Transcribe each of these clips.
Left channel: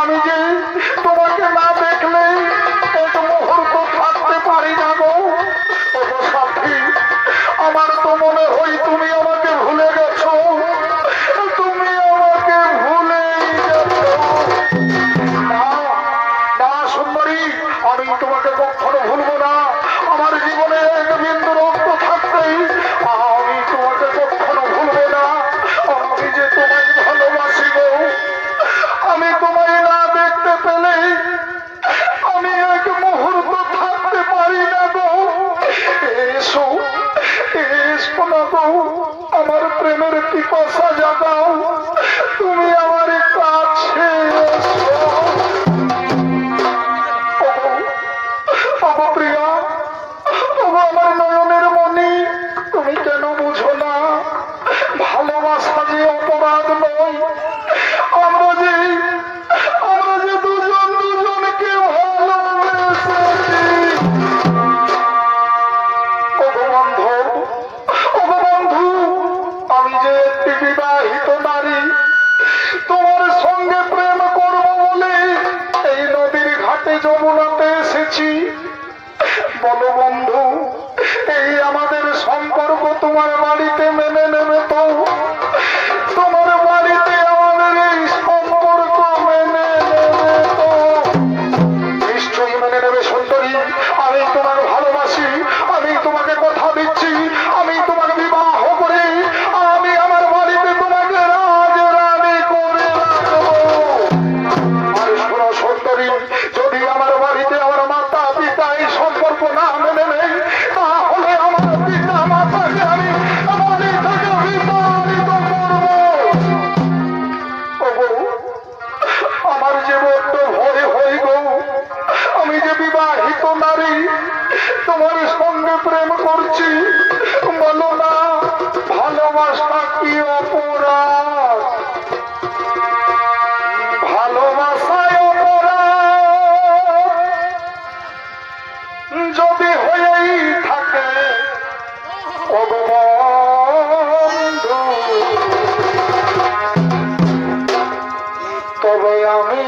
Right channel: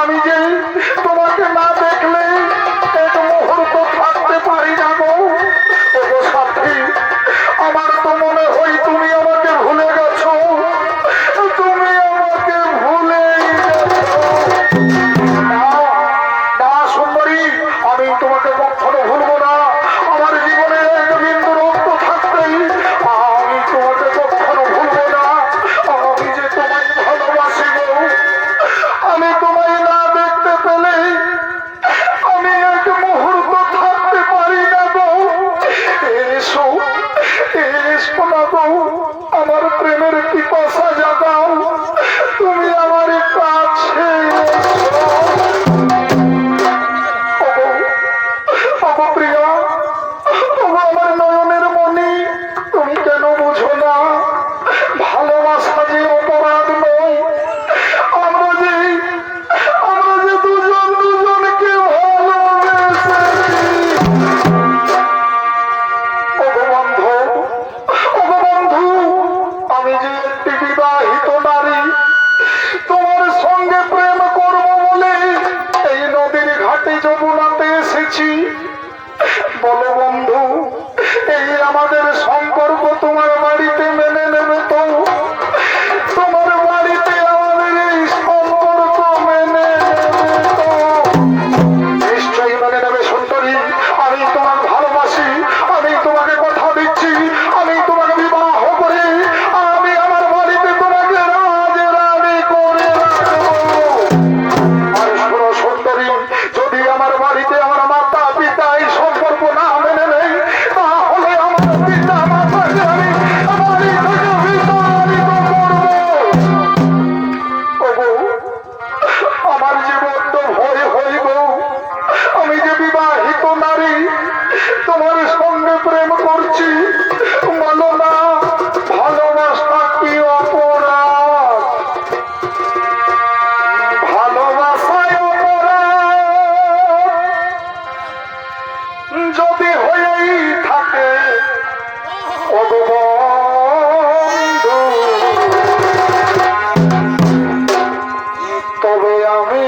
আমি যে তোমাকে না দেখলে এক মুহূর্ত থাকতে পারি না। আমার তো মনে হয় তুমি আমাকে ভুলে গেছো, তুমি আমাকে ভুলে না। না সুন্দরী, আমি তোমাকে কখনো ভুলবো না। আমার জীবনে এক বিন্দু রক্ত থাকতেই আমি তোমাকে কখনো ভুলবো না। আমি যে তোমায় ভালোবাসি গো, আমি তোমায় না দেখতে পেলে আমি এক মুহূর্ত থাকতে পারি না গো। এসো এসো না গো, আমার প্রেমের পিপাসা জাগাও, তুমি আমার কাছে প্রিয়া, আমার নয়নের মনি, তুমি কেন বুঝো না ভালোবাসা যে অপরাধ নয়। আমরা যে দুজন দুজনকে ভালোবেসেছি। বন্ধু, আমি যে একটি বিবাহিত নারী, তোমার সঙ্গে প্রেম করবো বলে এই নদীর ঘাটে যমুনাতে এসেছি। বলো বন্ধু, এই আমাদের সম্পর্ক তোমার বাড়িতে মেনে নেবে তো? তোমার বাড়িতে আমাদের এই সম্পর্ক মেনে নেবে তো? নিশ্চয়ই মেনে নেবে সুন্দরী। আমি তোমার ভালোবাসি, আমি তোমাকে কথা দিচ্ছি, আমি তোমাকে বিবাহ করে আমি আমার বাড়িতে তোমাকে রাজরানী করে রাখবো। আর শোনো সুন্দরী, যদি আমার বাড়িতে আমার মাতা পিতা এই সম্পর্ক না মেনে নেই, তাহলে আমার পিতা মাতাকে আমি বাড়ি থেকে বিতাড়িত করবো। আমার যে বড্ড ভয় হইব, আমি যে বিবাহিত নারী, তোমার সঙ্গে প্রেম করছি, বলো না ভালোবাসা কি অপরাধ? ভালোবাসায় অপরাধ যদি হয়েই থাকে বন্ধু, তবে আমি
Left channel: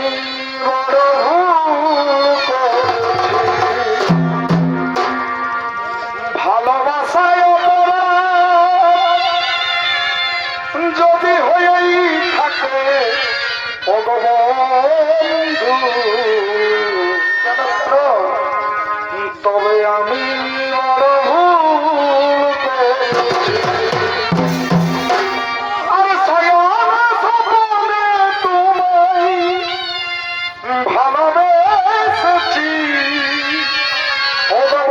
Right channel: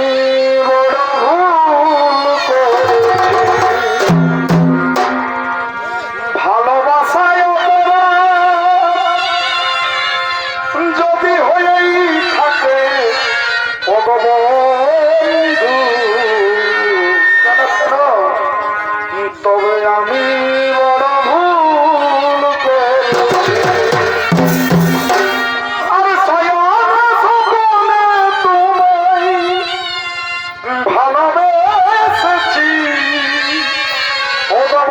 বড় ভুল করেছি। ভালোবাসায় অপরাধ যদি হয়েই থাকে বন্ধু, তবে আমি বড় ভুল করেছি। আর সায়ান সপনে তোমায় ভালোবেসেছি বন্ধু,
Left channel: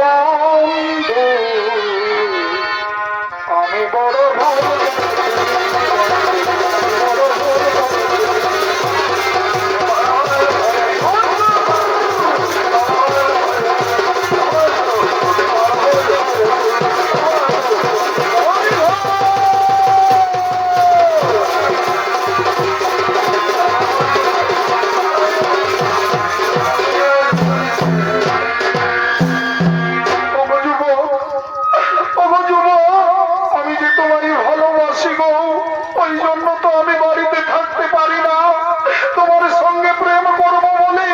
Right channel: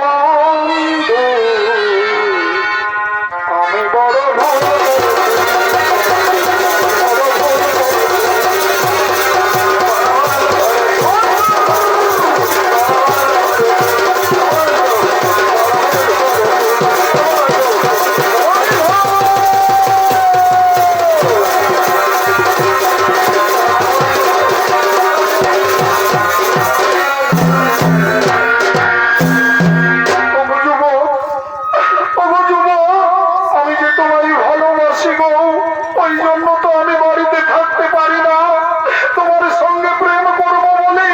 আমি বড় ভুল ওই জন্য তো আমি বাড়িতে থাকতে পারি না। তোমার সঙ্গে প্রেম করবো বলে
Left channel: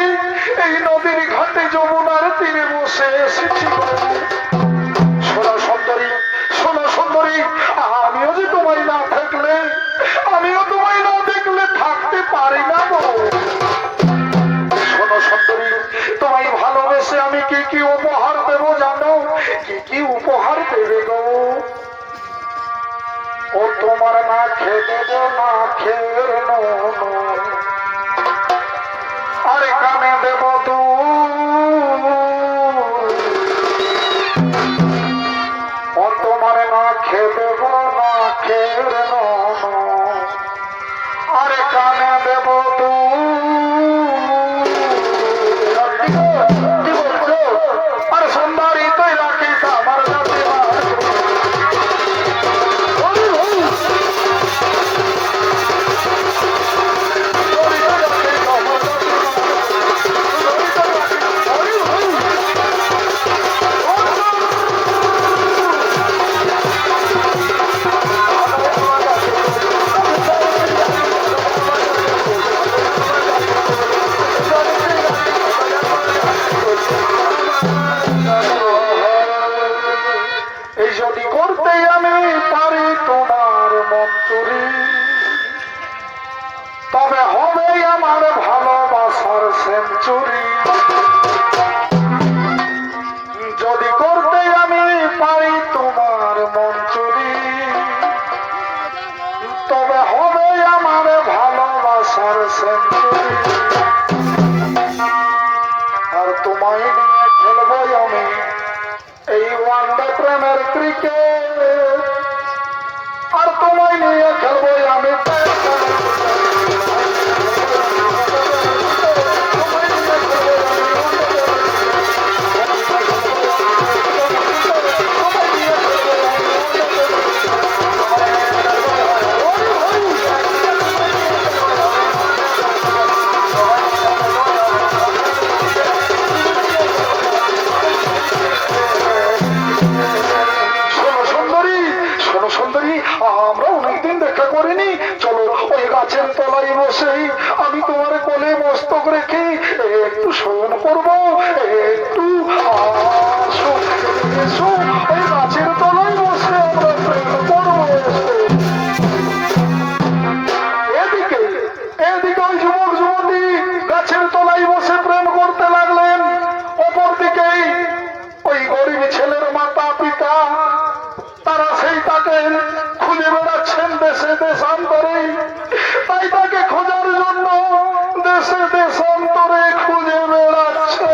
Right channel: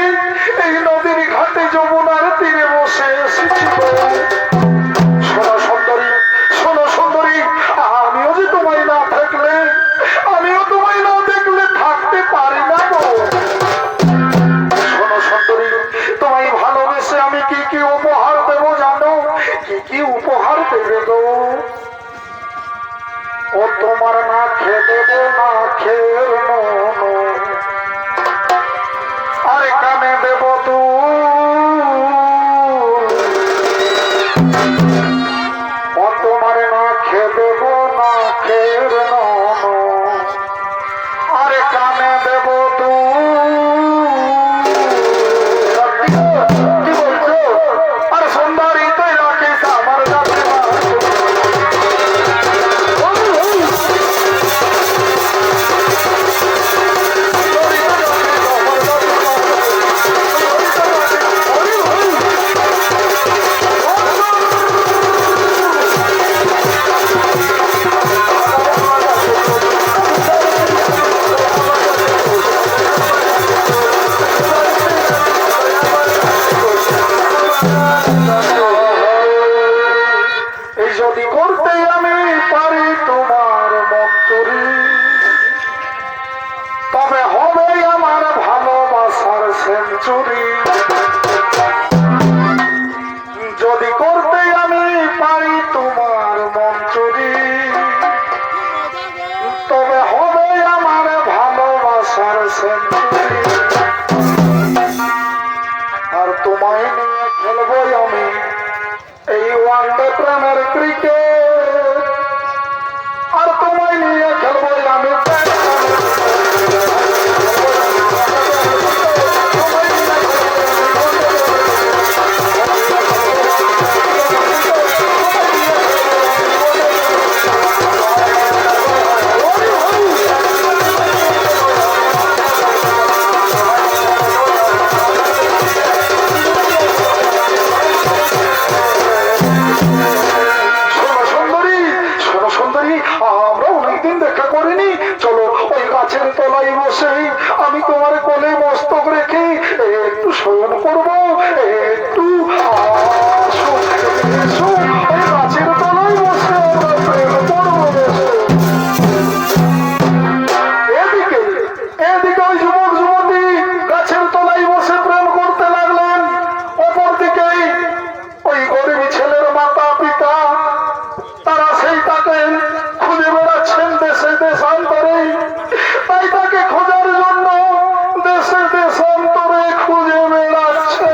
এই নদীর ঘাটে যমুনার তীরে বসে এসেছি। শোনো সুন্দরী, শোনো সুন্দরী, আমিও যে তোমায় না থাকলে, আমিও তোমায় না দেখলে থাকতে পারি না গো। শোনো সুন্দরী, তোমায় ভালোবেসে আমি কি কি উপহার দেবো জানো? কি কি উপহার দেবে গো? ও তোমার না খেয়ে দেবো না খেয়ে আর কানে দেব ও তোমার না খেয়ে দেবো না খেয়ে আর কানে দেব কি বলছো? আর সুন্দরী তুই রাখিস আমার কাছে। আশার সেঞ্চুরি। আর তোমায় নিয়ে খেলবো আমি এই ওয়ানডে প্রেমের ক্রিকেট। আর তোমায় নিয়ে খেলবো আমি আমরা অনেকদিন দেখা করিনি। চলো ওই গাছের তলায় বসে আমি তোমার কোলে মস্তক রেখে একটু শয়ন করবো, একটু ওই গাছের তলায় বসে আমরা প্রেম করবো। এদিকে এদিকে ওই যুবক যুবতী গাছের তলায় বসে প্রেম করতে লাগলেন। অপর দিকে ওই গরিব ছেলের মাতা পিতা তারা সেই তাকে খুঁজে বেড়াচ্ছেন দেশে দেশান্তরে। তাই তাকে খোঁজার জন্য দেশে দেশান্তরে খুঁজে বেড়াচ্ছে।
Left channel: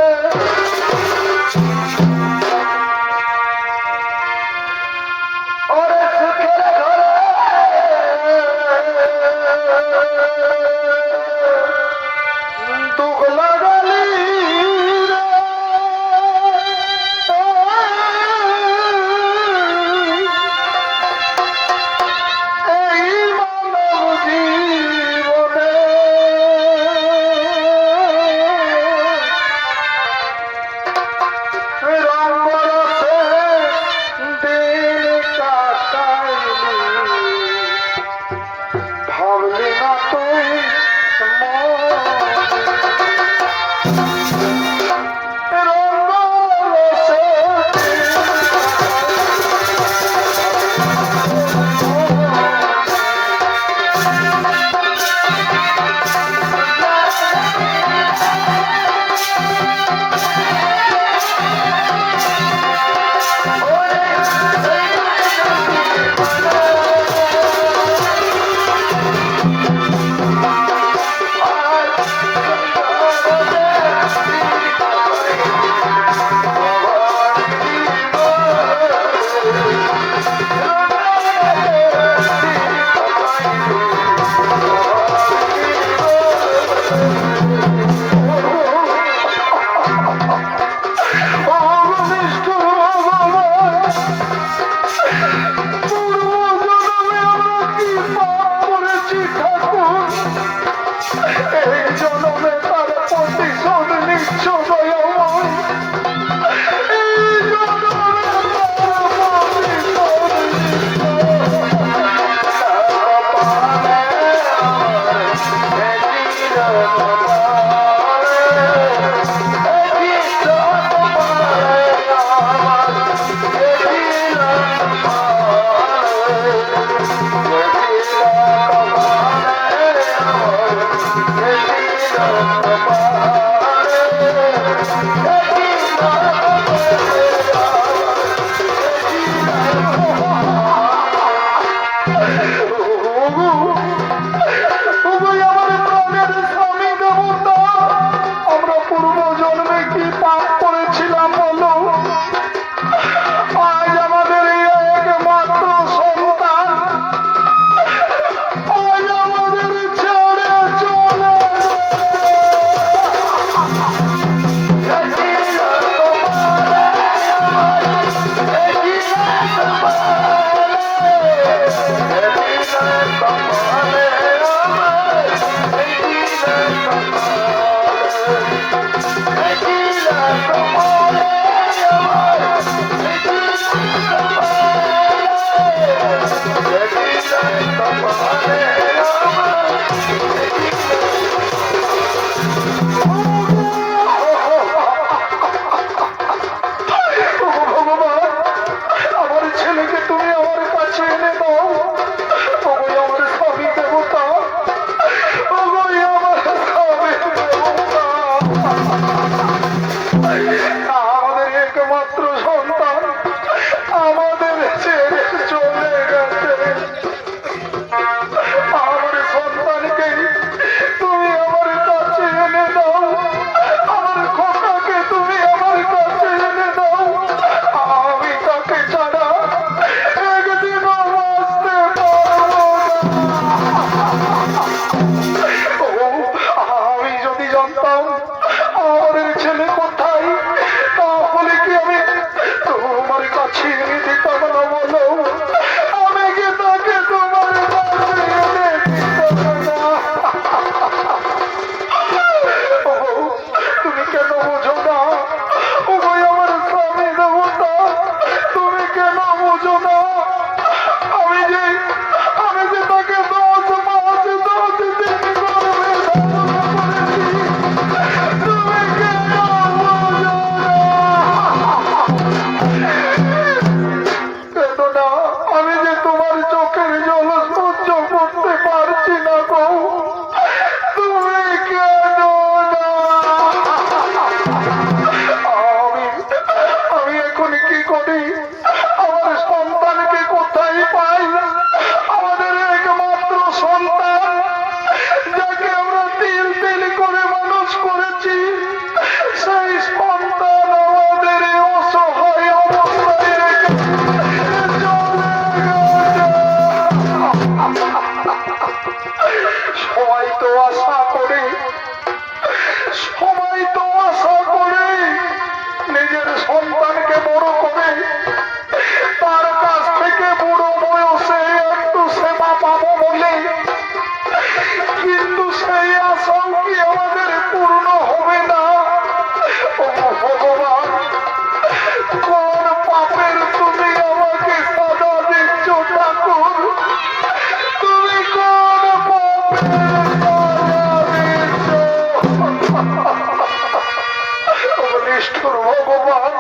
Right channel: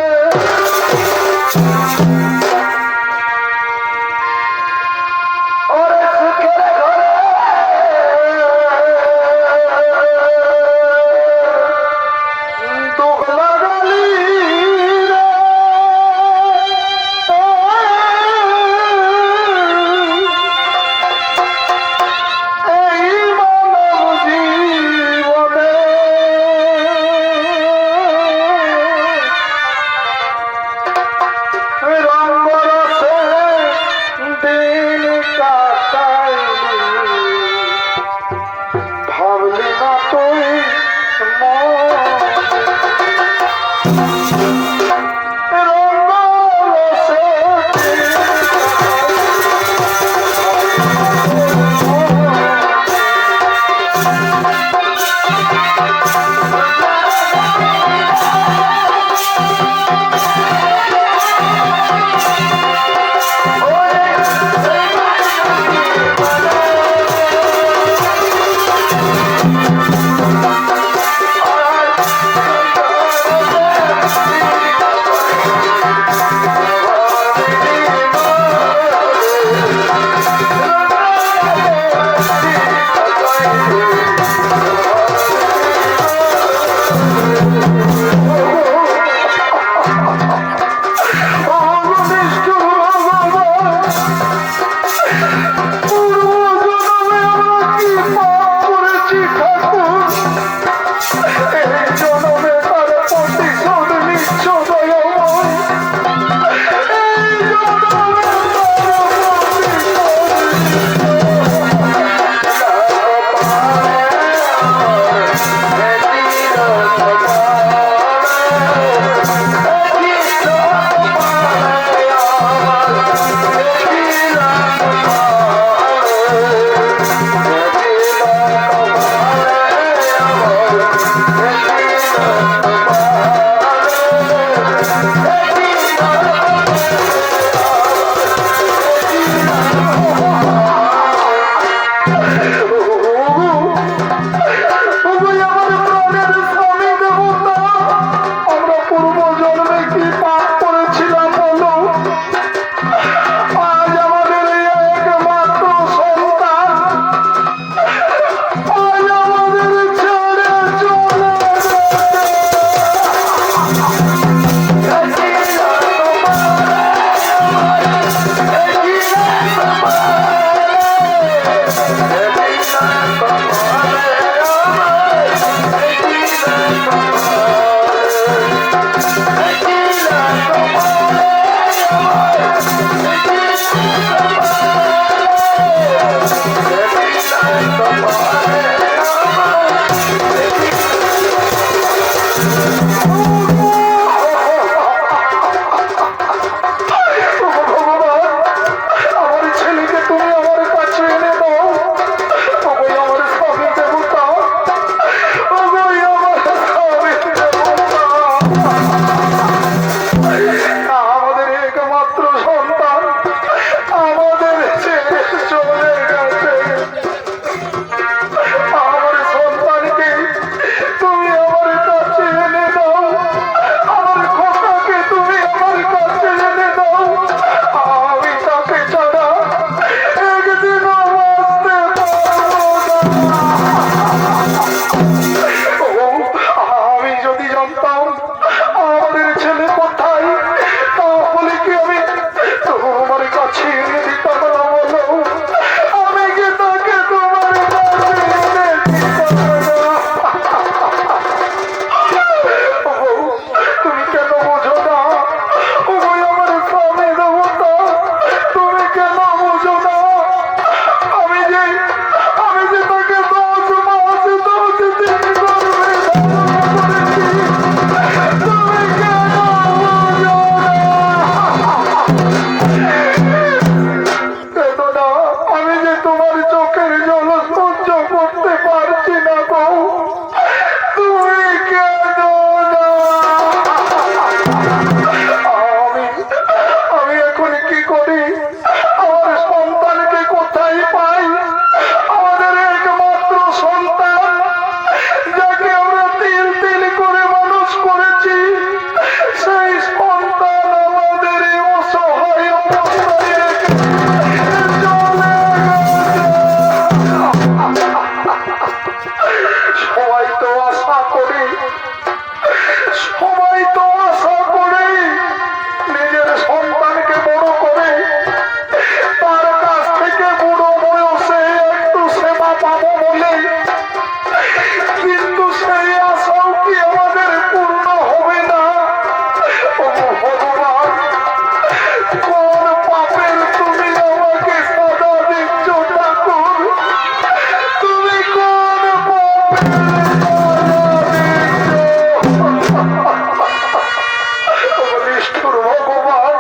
নিষ্ঠুর ভগবান,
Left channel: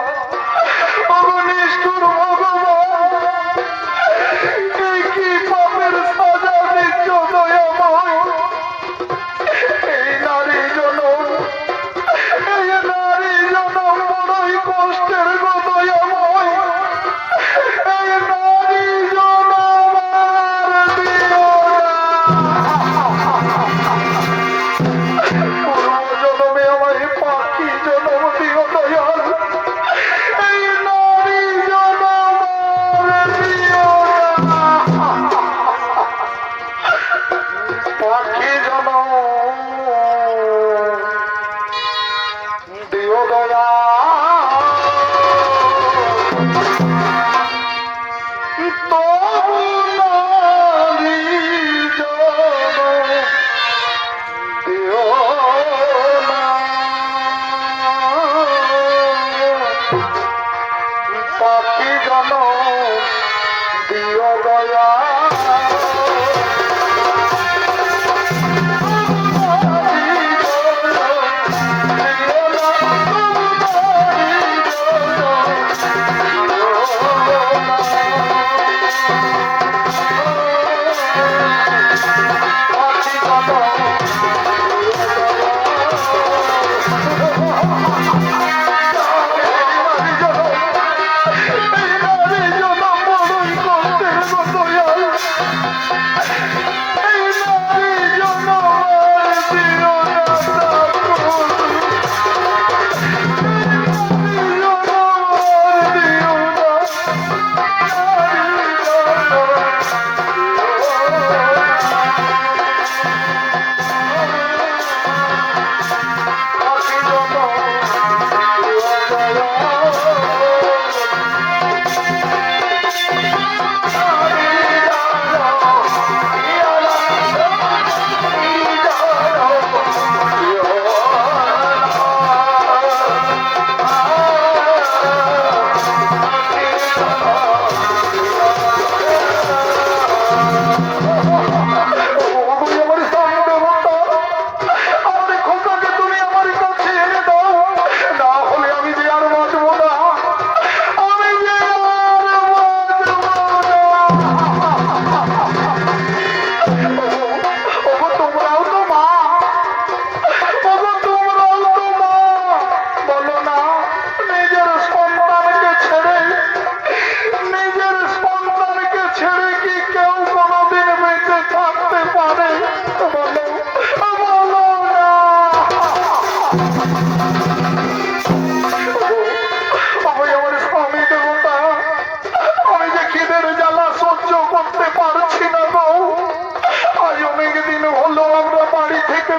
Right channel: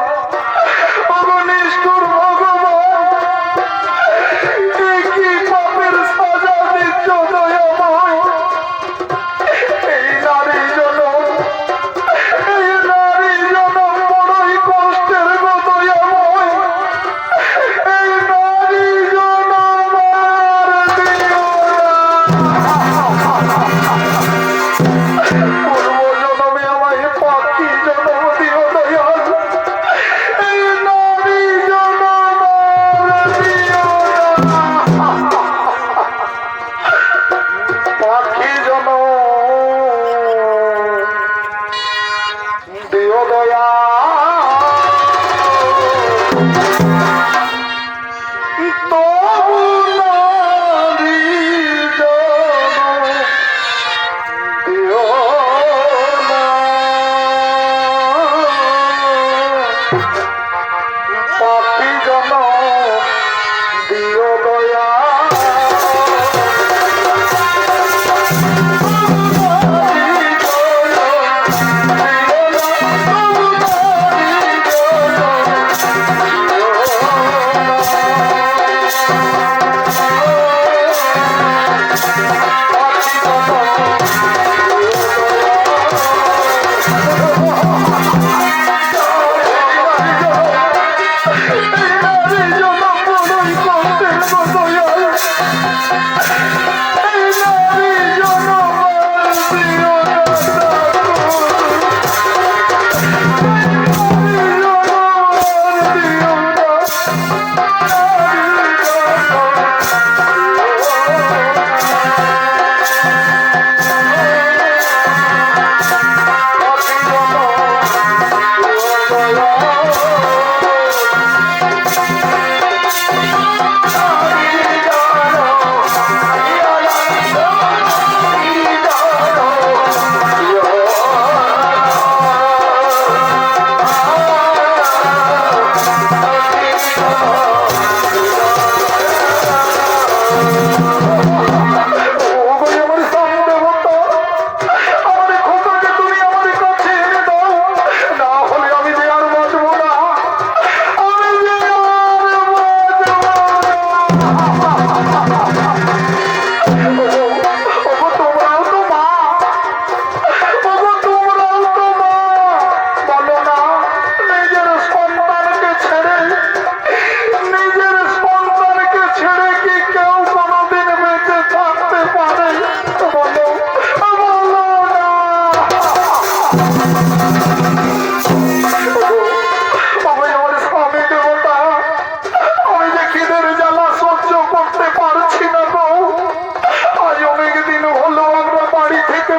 নিষ্ঠুর ভগবান, কি পাপের সাজা দিচ্ছ দয়াময়। এই নারী জনম বড়ই কষ্টের গো দয়াময়। এই নারী জনম আর দিও না। পূর্ব জনমে আমায় পাখি জনম দিও দয়াল। এই নারী জনম আর দিও না। পাখি জনম দিও দয়া। তবু নারী জনম দিও না। পাখি জনম দিও দয়া।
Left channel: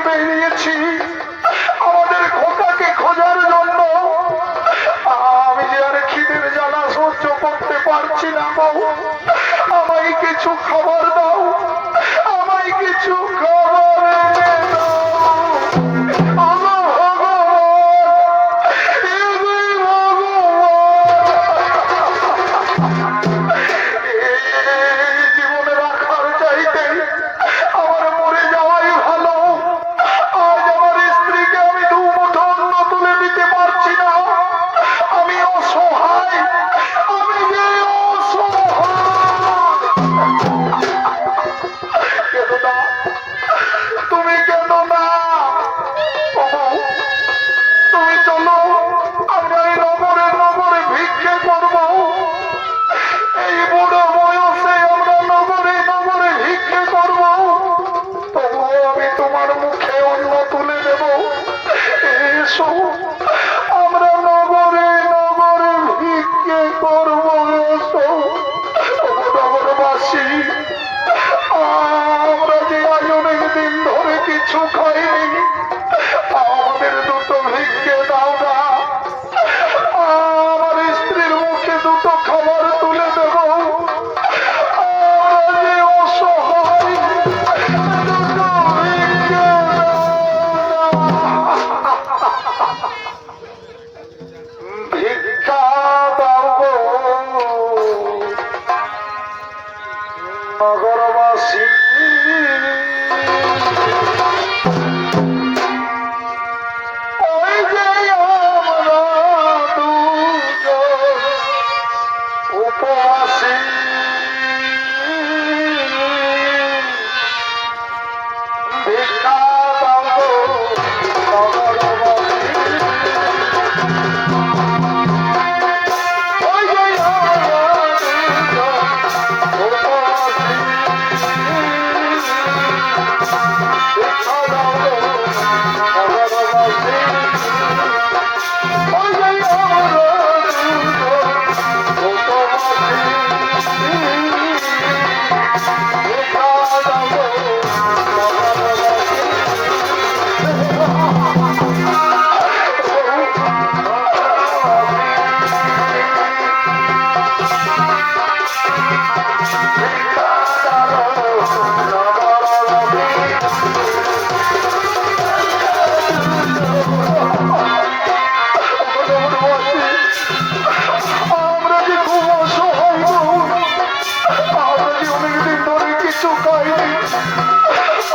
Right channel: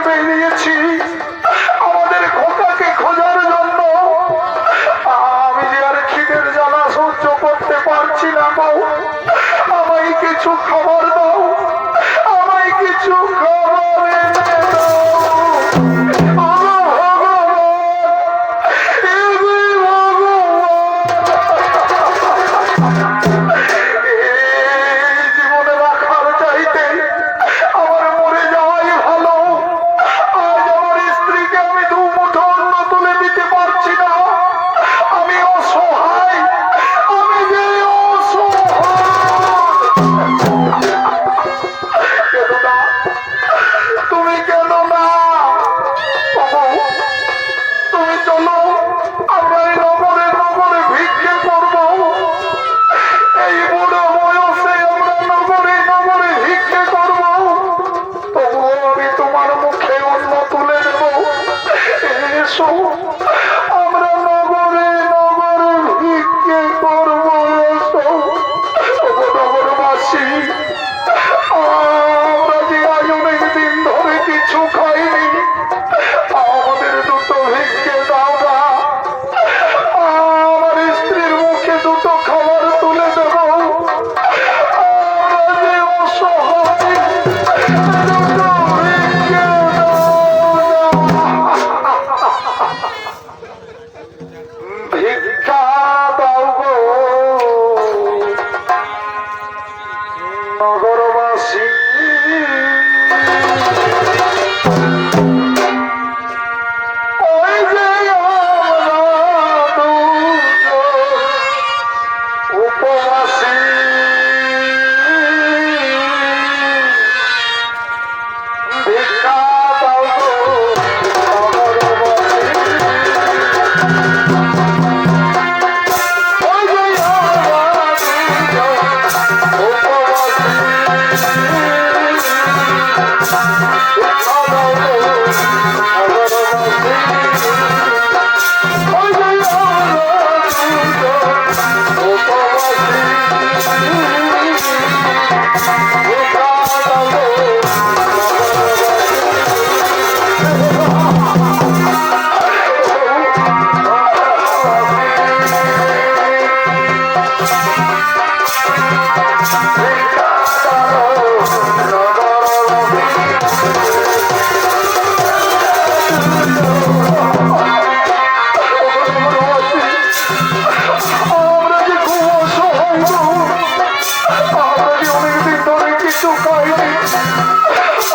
বেরিয়েছি আমাদের খোকাকে খোঁজার জন্য। আমি যে আর খিদের জ্বালা সহ্য করতে পারছি না বউ। আমায় কিছু খাবার দাও, আমায় কিছু খাবার এনে দাও। জীবনে রাখার চাইতে আমার মরে যাওয়াই ভালো। আজ আমার স্ত্রীকে আমি দু মুঠো অন্ন তুলে দিতে পারছি না। আমি অসহায়, আমি যে অসহায়।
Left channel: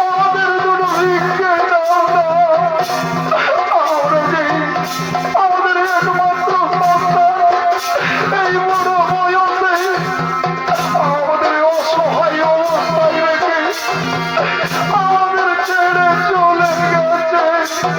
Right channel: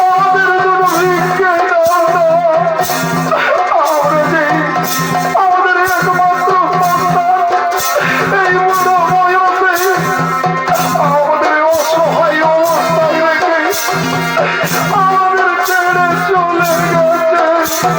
আমাদের দুটো ভিক্ষে দাও না। আমরা যে আমাদের একমাত্র সন্তান, এই বুড়ো বয়সে আমাদের অসহায় অবস্থায় রেখে আমাদের ছেড়ে চলে গেছে।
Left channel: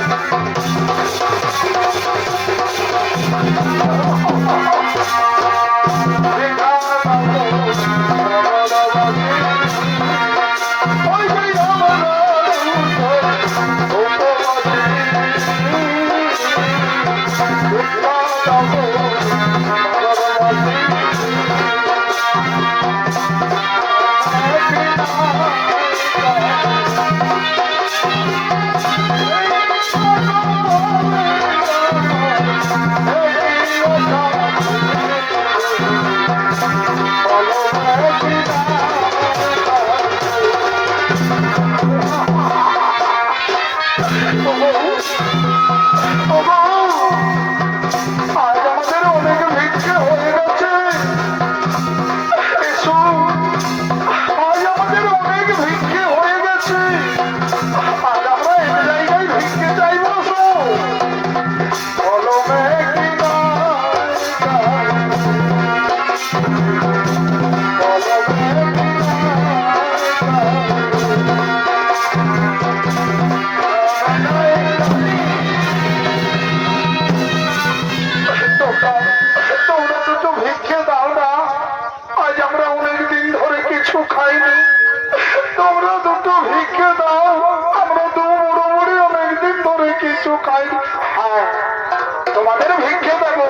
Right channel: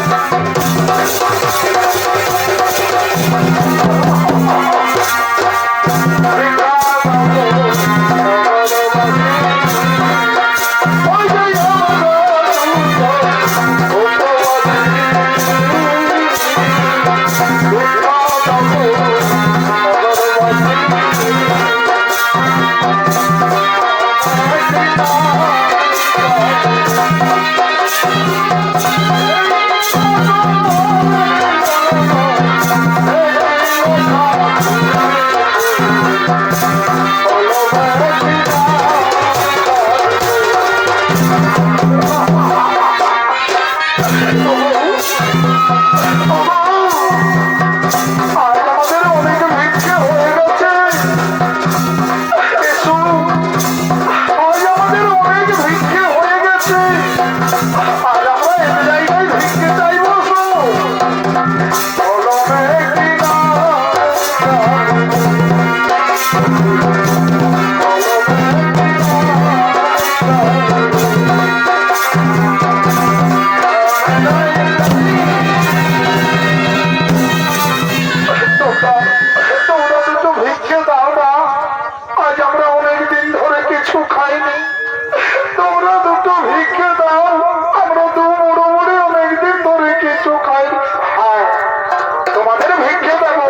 তোমাদের ভিক্ষে দেবো,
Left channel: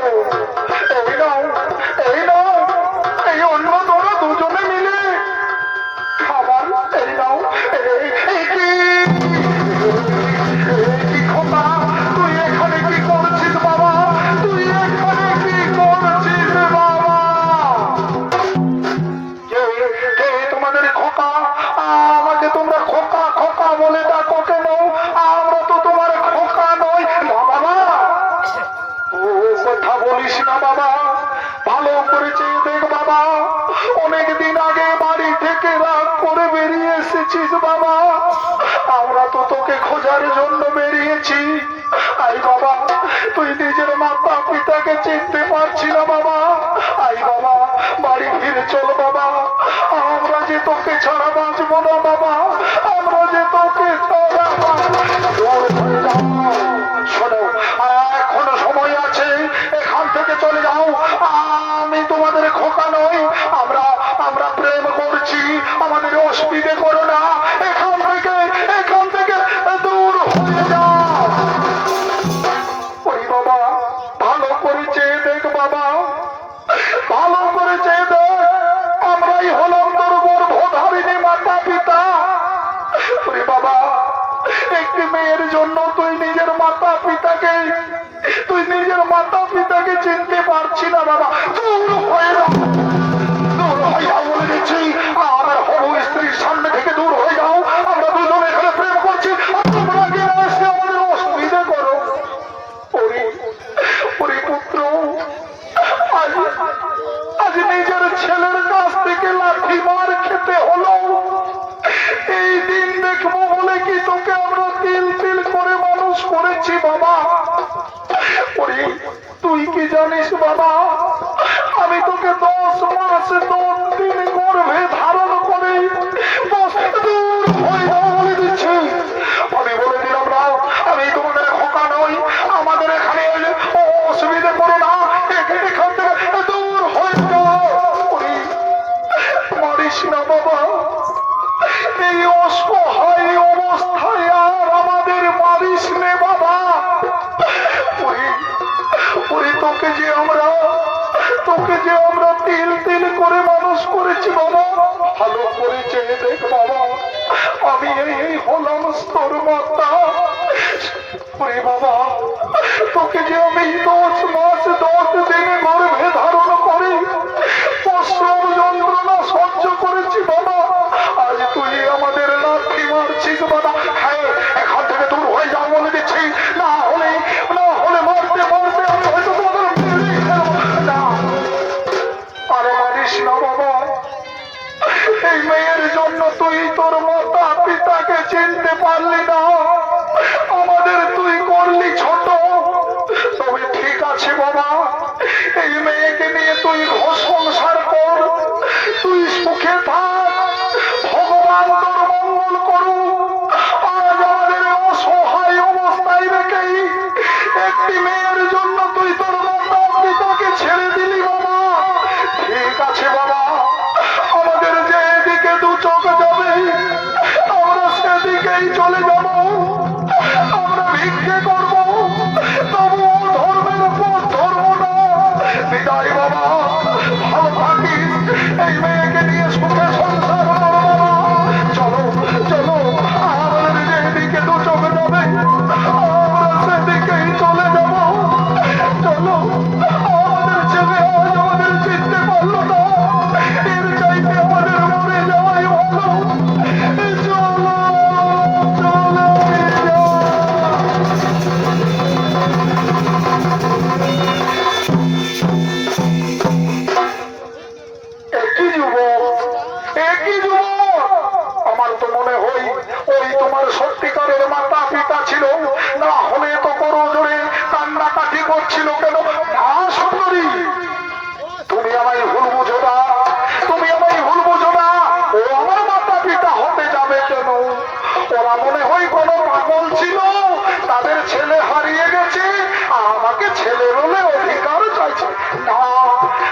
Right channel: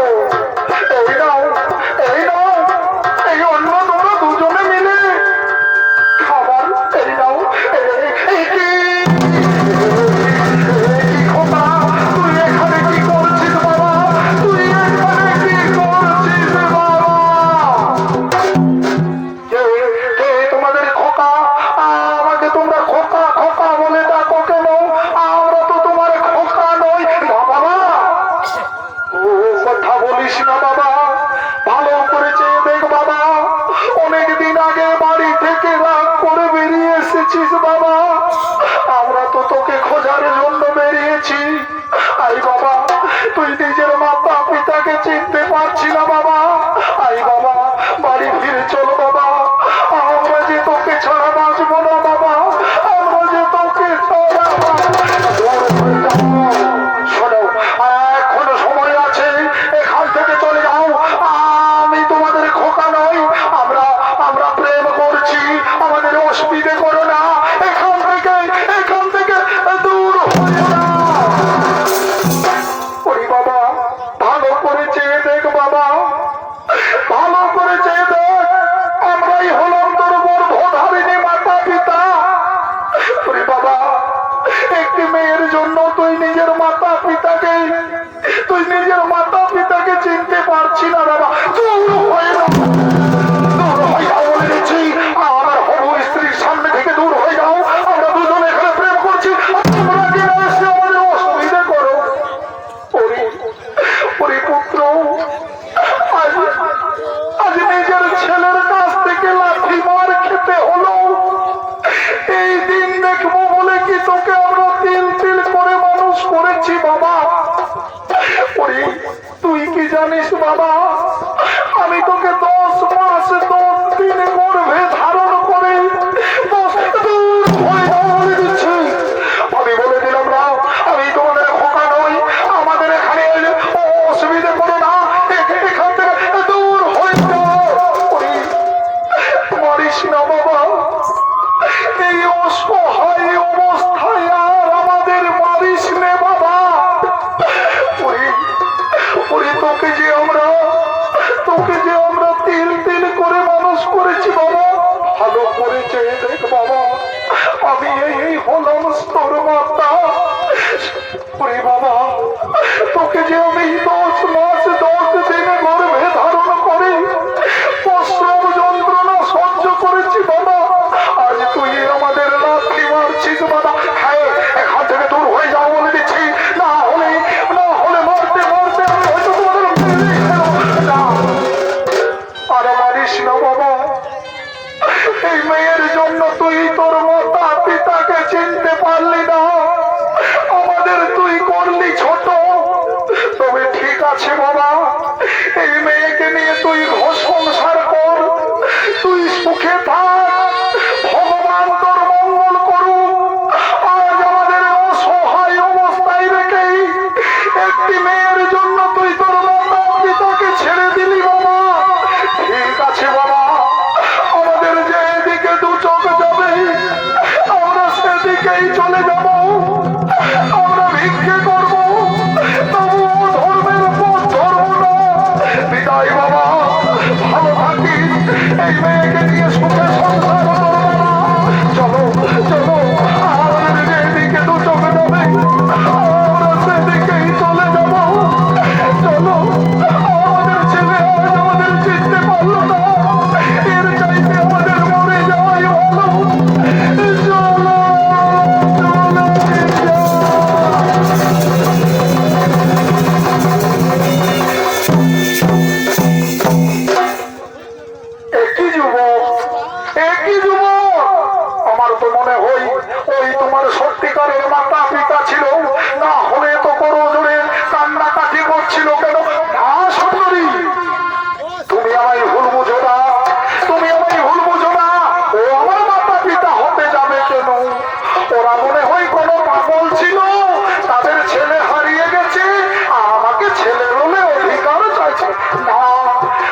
এই নাও, এই নাও, এই অন্য তোমরা দুজনে মিলে খাবার, এই নাও। এই কি খোপা, তুই এখানে কি করছিস বাবা? তুই এখানে কি করছিস বাবা? কে তোমাদের খোকা? আমাকে তোমরা খোকা খোকা বলে ডাকো কেন? আমরা তো তোমার খোকা নই বাবা। ও কথা বলিস না বাবা, ভালো করেছে দেখ বাবা, অনেকদিন আগে বাড়ি থেকে রাগ করে বেরিয়ে এসেছিস বাবা, আমরা তো তোকে খোঁজার জন্য বেরিয়েছি। আই বাবা, তুই নিজের মাতা পিতাকে চিনতে পারছি না বাবা, আই বাবা বাড়ি ফিরে চল বাবা, আমরা যে তোকে ছাড়া বাঁচবো না বাবা, আমরা যে তোকে ছাড়া শোনো, এখনো সময় আছে, এখান থেকে চলে যাও। আমি তোমাদের খোকা নই, আমরা প্রেম করছি, আমাদের অসুবিধে করো না, এখান থেকে দূর হয়ে যাও। ওই বাবা, ভালো করে চেয়ে দেখ বাবা, ভালো করে চেয়ে দেখ, আমরাই হলাম তোর গর্ভধারিণী মাতা পিতা। ওই বাবা, একটি মেয়ের জন্য তুই নিজের মাতা পিতাকে চিনতে পারছি না বাবা, দূর হয়ে যাও, দূর হয়ে যাও বলে দিচ্ছি, আমার হবু স্ত্রীর সামনে থেকে দূর হয়ে যাও। আমরা দুজন এখানে প্রেম করছি, তোমরা কি এসে আমাদের অসুবিধা করো? ওরে পুত্র, আজ নিজের ছেলের কাছ থেকে লাঠি মার খেতে হলো, এই দিন দেখবো বলে কি তোকে আমরা তিল তিল করে মানুষ করেছি বাবা। ওরে তুই কি জানিস বাবা, আমি তোকে 10 মাস 10 দিন গর্ভে ধারণ করে বলে দিচ্ছি। আমি বলে দিলাম না, আমি তোমাদের খোকা নই, আমাদের এখানে অসুবিধে করো না, এখান থেকে দূর হয়ে যাও। মারিস না বাবা, এই অসহায় অবস্থায় আর আমাদের মারিস নে বাবা। তোকে যে আমরা তিল তিল করে মানুষ করেছি বাবা, ভালো করে চেয়ে দেখ বাবা, আমি এই হলাম তোর মাতা। বাবা, তোকে যে আমি 10 মাস 10 দিনে গর্ভে ধারণ করে প্রসব যন্ত্রণা সহ্য করেছি বাবা, আজ তুই আমাদের লাথি মারছিস বাবা। হ্যাঁ, এখান থেকে দূর হয়ে যাও বলে দিচ্ছি, না হলে মারতে মারতে আমি হয়তো তোমাদের আরে মারিস না বাবা, এই মেয়ের জন্য তুই তোর দিকেই চলে যাব, আমরা ভিক্ষে করব, তবুও ধর্মের পথ ধরব না। বিদায় বাবা, ভালো থাকিস, এই মেয়েকে নিয়ে সুখে সংসার করবো। চলো চলো, আমাদের যেদিকে দু চোখ যাবে আমরা সেদিকেই চলে যাব। চলো, আমাদের ছেলে আজ আমাদের চিনতে পারলো না, এর চাইতে আমাদের মরে যাওয়াই ভালো। চলো একই যুবক, একই যুবক, আমার তো মনে হয় ওই তোমার সত্যিকারের মাতা পিতা ছিল, না হলে তো বড় জোরে কান্নাকাটি করছিল কেন? না সুন্দরী, তুমি আমায় ভুল বুঝো না, তুমি আমায় ভুল বুঝো না। ও আমার মাতা পিতা হতে যাবে কেন? ওরা মনে হয় কোনো পাগল ছিল, তাদের ছেলে হারিয়ে গেছে, আমাকে ছেলে বলে অধিকার চাইছে। না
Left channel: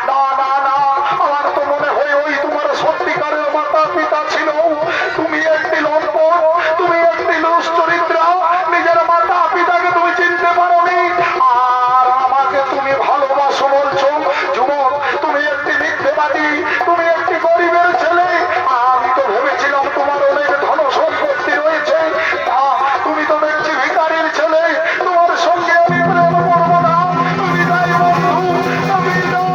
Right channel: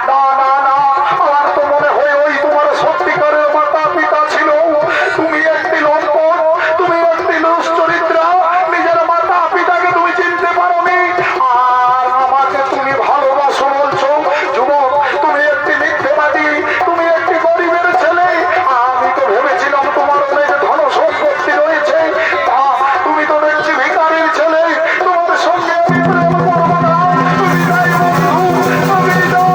না না না, আমার তো মনে হয় ওই তোমার সত্যিকারের মাতা পিতা ছিল। তুমি একটি লম্পট, তুমি একটি লুস চরিত্রা, নিজের মাতা পিতাকে তুমি চিনতে পারোনি, আর আমাকে তুমি ভালোবাসো বলছো। যুবক, তুমি একটি মিথ্যেবাদী, তুমি একটি গরিবের ছেলে। আমি তো ভেবেছিলাম তোমার অনেক ধন সম্পত্তি রয়েছে, তা তুমি তো দেখছি ভিখারির ছেলে। তোমার সঙ্গে আমি প্রেম করবো না। বিদায় বন্ধু, বিদায়।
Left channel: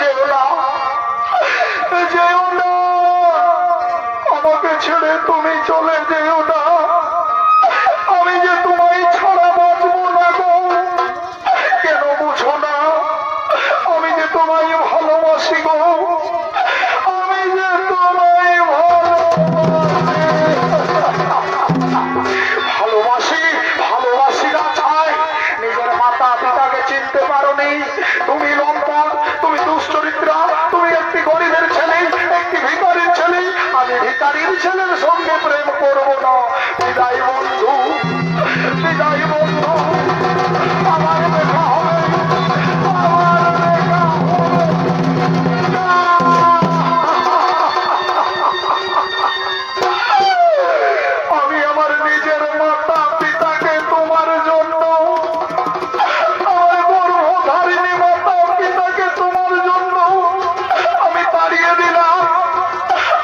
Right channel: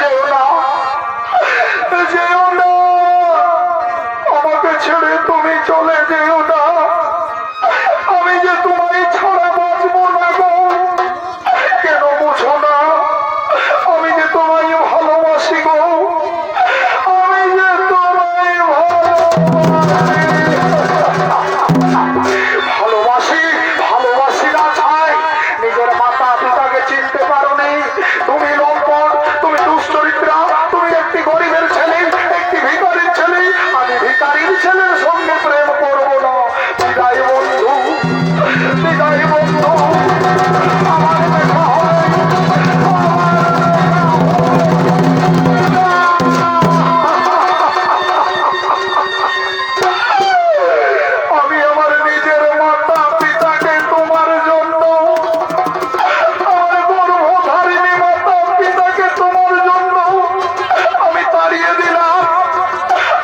যেও না, যেও না, আমাকে ছেড়ে তুমি চলে যেও না। আমি যে তোমায় ছাড়া বাঁচবো না গো, কেন বুঝো না? আমি যে তোমায় ভালোবাসি গো, আমি যে তোমায় ভালোবাসি। ভালোবাসি না চাই, নিজের মাতা পিতাকে চিনতে পারোনি, তুমি লম্পট, তুমি দুশ্চরিত্রা, তুমি একটি গরিবের ছেলে, একটি ভিখারির ছেলে। আমি ভিখারির ছেলের সঙ্গে প্রেম করবো না। বিদায় বন্ধু, বিদায় বন্ধু, আমার দেখা হবে। আমি আমার নিজের মাতা পিতাকে তোমার জন্য, আমার গর্ভধারিণী মাতা পিতাকে তোমার জন্য আমি তাড়িয়ে দিলাম,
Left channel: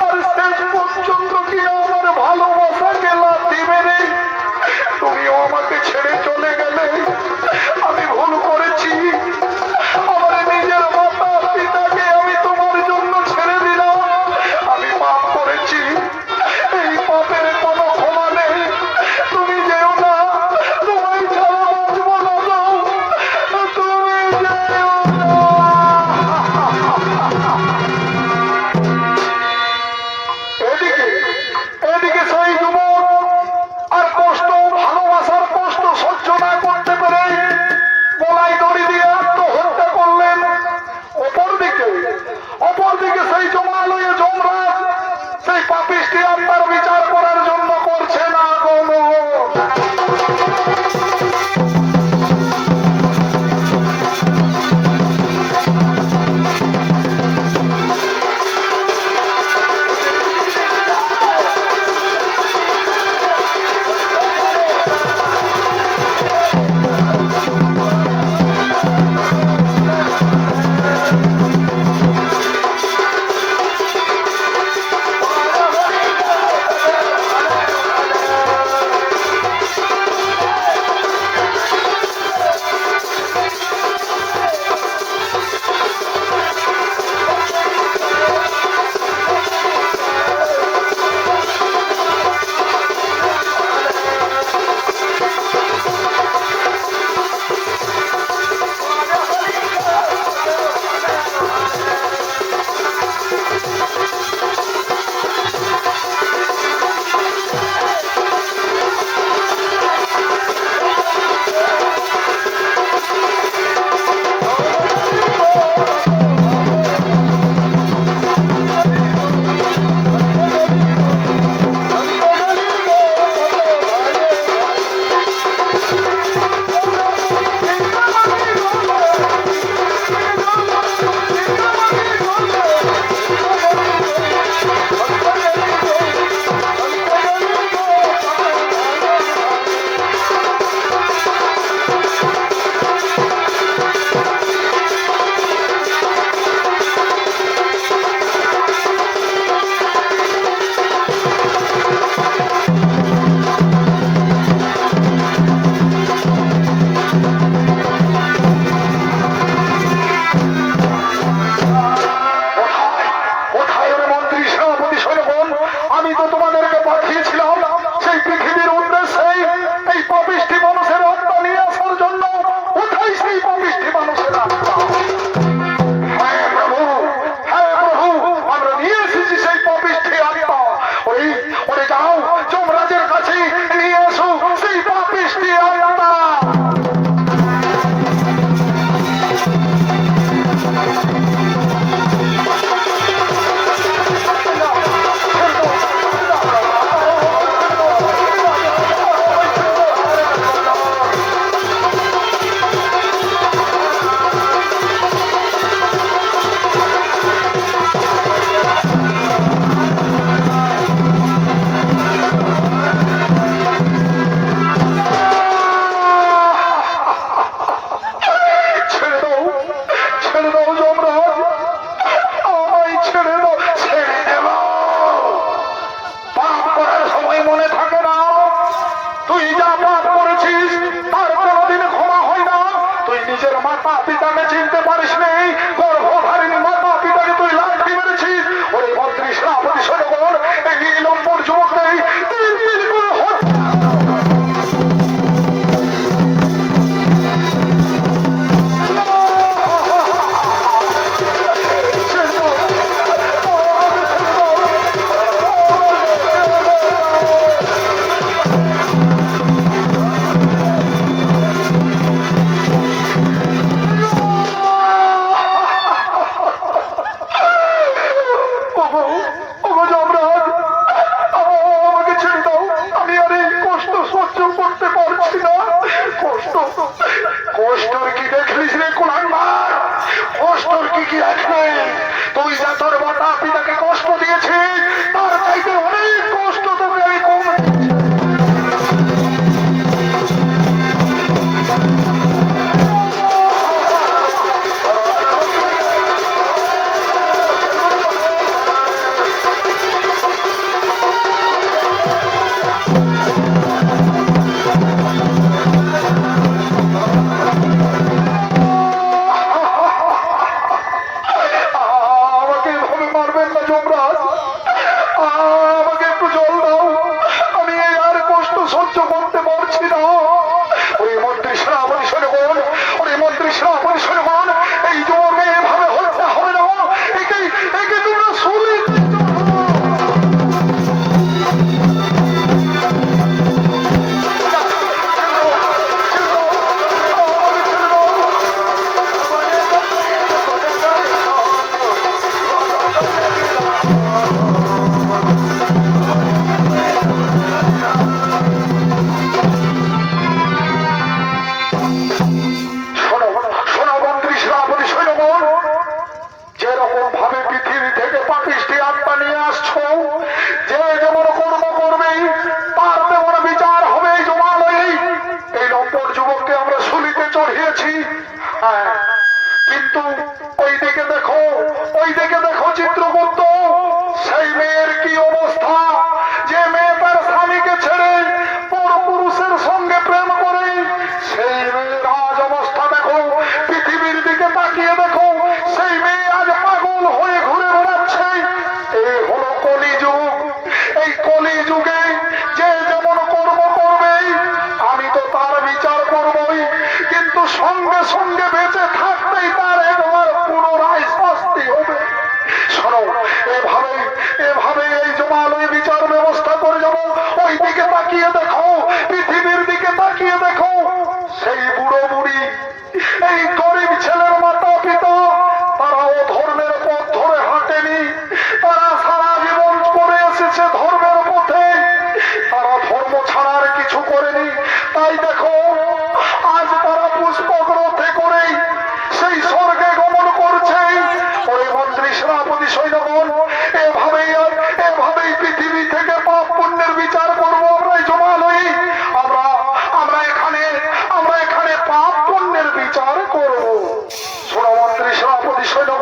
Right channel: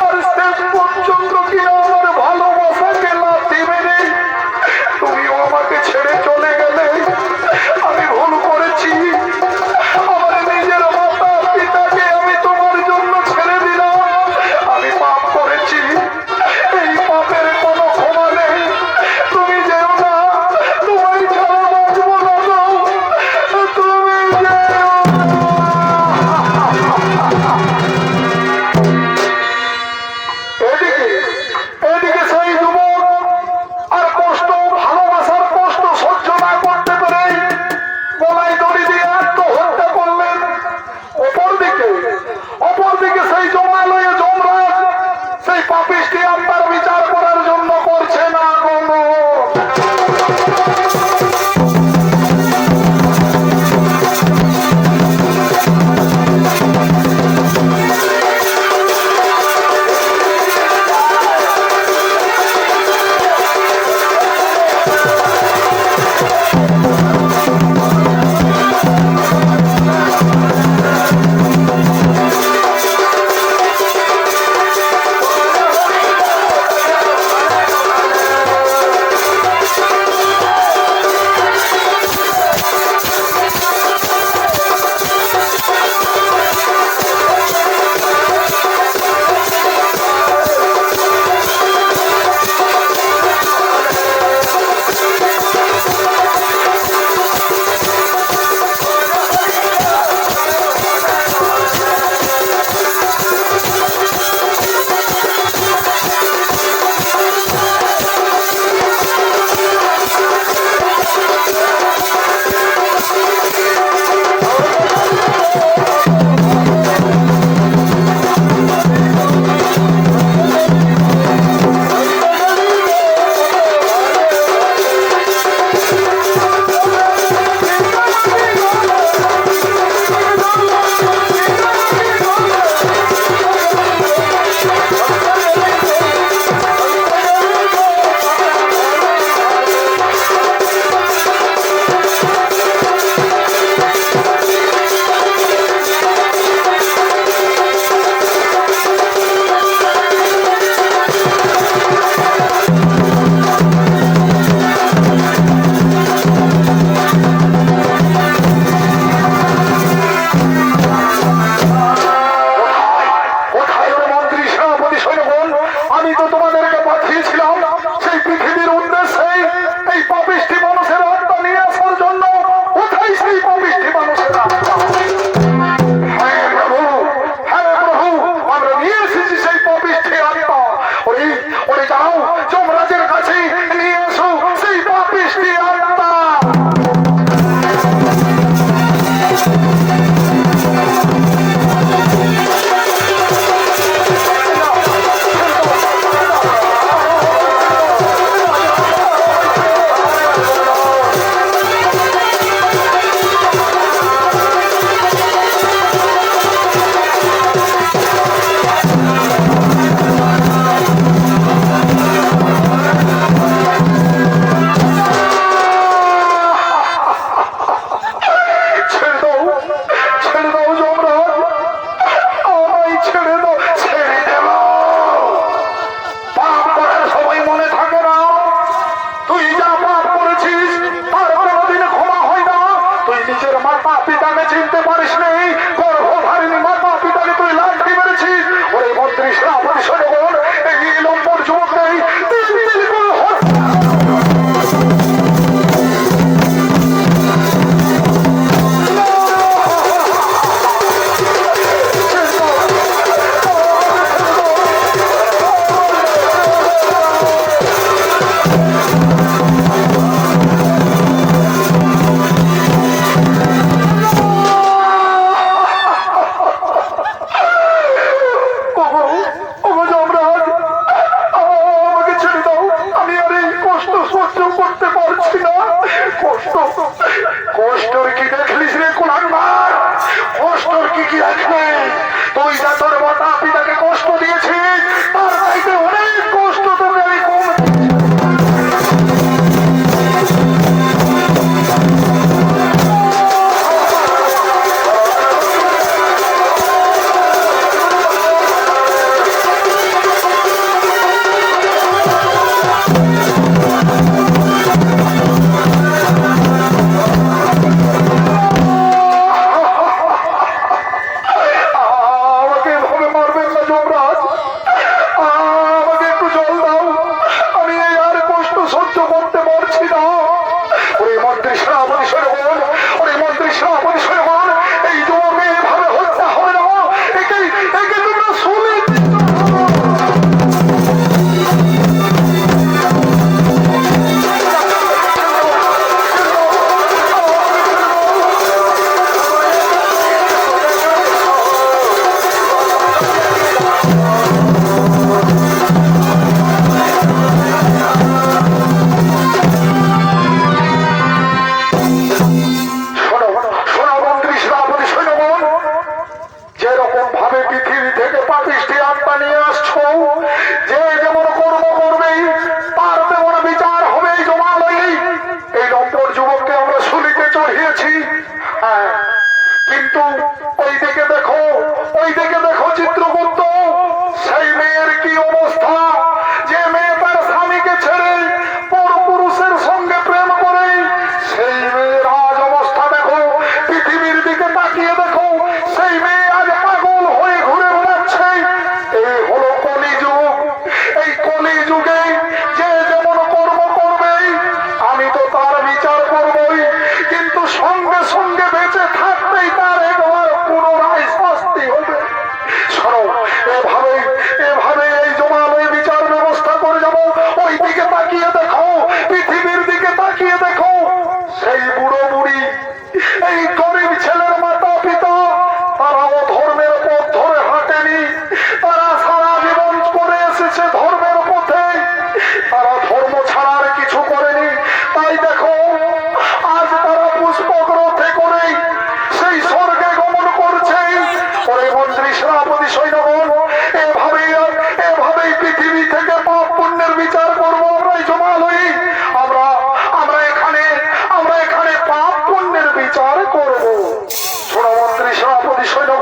আর শেষ পর্যন্ত কি আমার ভালোবাসাকে লাথি মেরে তুমি আমাকে ছেড়ে কষ্টর কি দেখলিস রে কুলাঙ্গার? কষ্টর কি কি দেখবে? তুই যা তোর মাতা পিতাকে কষ্ট দিয়েছিস তার চাইতে অনেক কষ্ট তোকে আমি কম কিন্তু ওইদিকে দেখো চিত্রগুপ্ত, সেই মেয়ের কি অবস্থা, যে মেয়ে তার স্বামীকে ছেড়ে পরপুরুষের সঙ্গে প্রেম করে, সেই মেয়ের আজ অবস্থা দেখো। পৃথিবীর দিকে তাকিয়ে দেখো, সেই মেয়ে আজ পাগল হয়ে ঘুরে বেড়াচ্ছে। এই হলো কলিযুগ। এই কলিযুগে যে যেমন কর্ম করবে আমি তো তার বিচার করবই, কিন্তু সঙ্গে সঙ্গে বেঁচে থাকতেই তার একবার পুনরায় শাস্তি হবে। শোনো, এভাবে এই জমালয় বিচার ব্যবস্থা করে যাবো। ওই দিকে তাকিয়ে দেখো, পৃথিবীর দিকে তাকিয়ে দেখো, সেই বুড়ো বুড়ি, এই গরিব ছেলের মাতা পিতা, তারাও ধর্মের পথ ধরে হাঁটেনি। তারা সারা জীবন করে এসেছে ধর্মের পথে, তারা ধর্ম ছাড়ার কিছু করেনি। তাই দেখো আজ তারা পুষ্পক রথে করে সেই স্বর্গে গমন করছে। পরে মন্ত্রী সেনাপতি সৈন্যগণ, এভাবেই পৃথিবী থেকে পাপ পুণ্যের বিচার করবো আমরা। জমালই আমরা এখানে পাপ পুণ্যের বিচার করবো। সোনা মন্ত্রী সেনাপতি সৈন্য